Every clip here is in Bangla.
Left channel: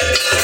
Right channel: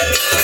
Thank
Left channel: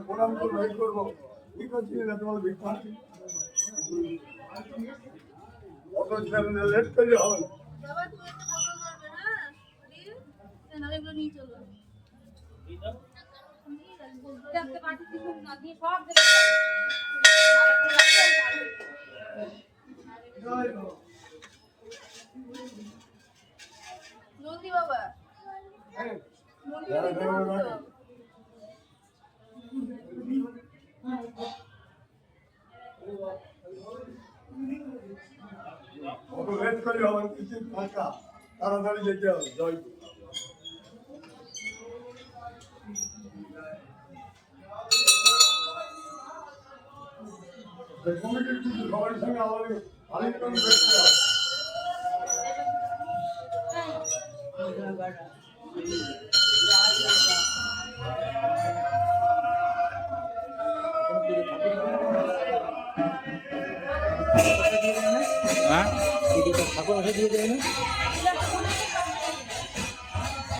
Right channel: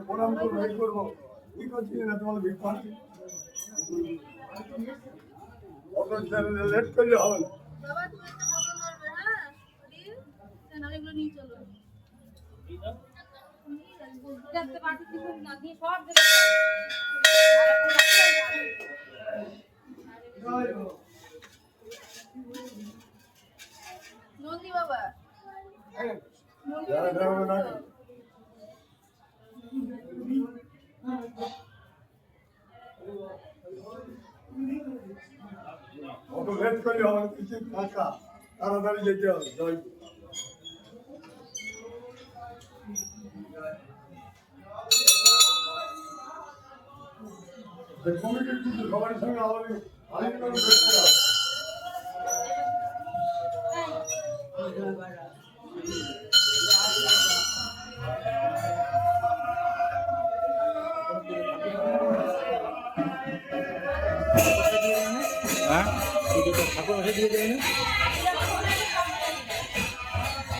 প্রণাম করব এই করব। কি করছিলি না তোমার অত লেট করলে হবে না। হ্যাঁ? হরি দেন আমি এগুলো নিয়ে চলো। দেখতে পাচ্ছি কিছু না দিয়ে সব দেখে জলদি বাবা অত লেট করলে হবে কিছু ফাঁকা তাড়াতাড়ি যেতে হবে জয় কমিটির কিছু সবার সঙ্গে আমাদের আলিঙ্গন করতে হবে। হ্যাঁ? ঠাকুর দিয়ে দেবে না?